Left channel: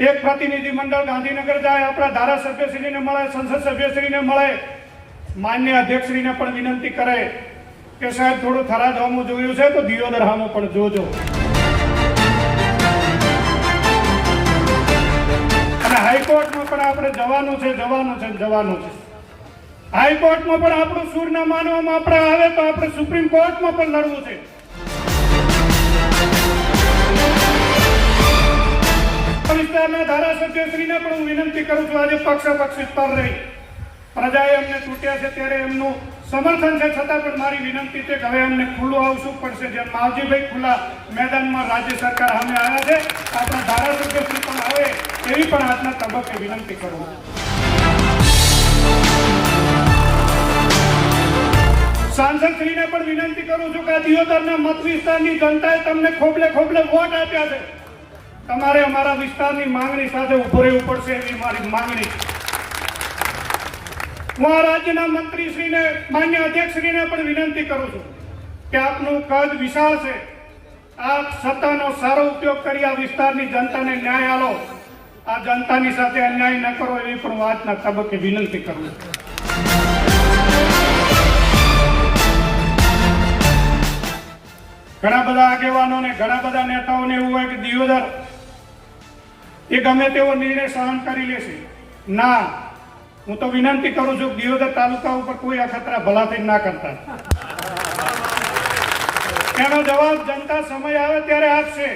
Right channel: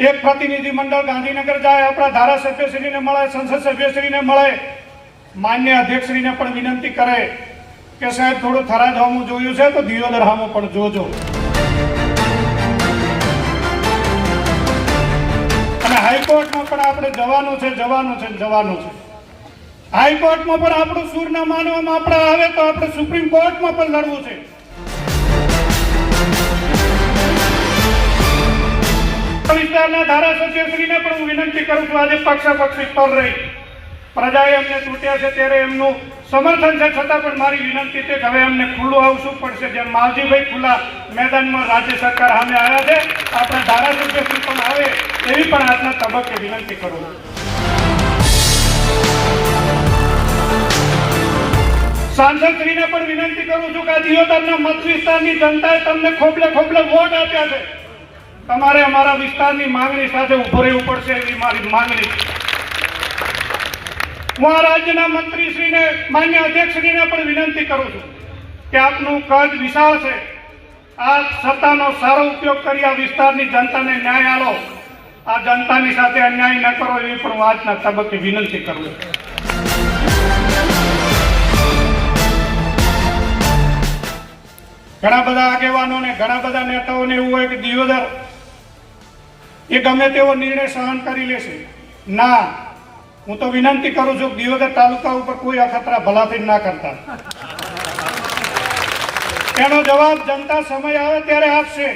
એક પ્રતિનિધિ મંડળ ગાંધીનગર જાય, આપણા ધારાસભ્યશ્રીને મળે સંસદ સભ્યશ્રીને મળે. માન્ય અધ્યક્ષશ્રીને પણ વિનંતી કરે કે સાહેબ, થોડું થરાદ હોમું જોયું છે, તો દિયોદર હામું પણ જોજો. અને હાઈકોર્ટમાં પણ આપણે જવાનું છે જવાનું છે જવાનું છે. હાઈકોર્ટમાં પણ આપણું સૂર ના માનવામાં આપણે આવે તો આપણે સુપ્રીમ કોર્ટમાં પણ લડવું છે. વિસ્તારના ધારાસભ્યશ્રીને પણ હું વિનંતી કરું છું, આજે પક્ષાપક્ષી પર રહી. પ્રજાએ એમને ચૂંટ્યા છે ત્યારે એમનું સમર્થન છે, છતાં પણ મારી વિનંતી છે કે હવે એમને ખુલ્લું આવશું પડશે. જેમ માવજીભાઈ ખુલ્લા મેદાનમાં રાજ્ય સરકાર સામે આવ્યા છે, આપણે ધારાસભ્યશ્રી પણ આવે એવી પણ આજના તબક્કે વિનંતી કરું સાંસદશ્રીને પણ વિનંતી કરું છું કે દિયોદરના મત વિસ્તારની જનતાએ તમને ખોબલે ખોબલે વોટ આપ્યા છે. તમારે અમારા વિસ્તારની માંગણી સાથે ઊભો રહેવું પડશે એવી મારી માંગણી હું આ રાજ્યના મંત્રીશ્રીને, માન્ય અધ્યક્ષશ્રીને પણ વિનંતી કરું છું કે આપનું કદ વિશાળ છે. આ સત્તાનો સારો ઉપયોગ કરી આ વિસ્તારની જનતાને ન્યાય આલો. આ જનતાની સાથે અન્યાય ન કરો એવી પણ આજના તબક્કે વિનંતી કરું છું. ઘણા બધા આગેવાનો ને ઘણા બધા નેતાઓને એવું હોય કે દિયોદર એ ગમે તેવો નિર્ણય સહન કરી લેશે ના, હું તો વિનંતી કરું છું દિવગર તાલુકા ઉપર કોઈ અખતરા ભલાથી ના કરતા. એનો જવાબ જનતા સમય આવે ત્યારે આપશે.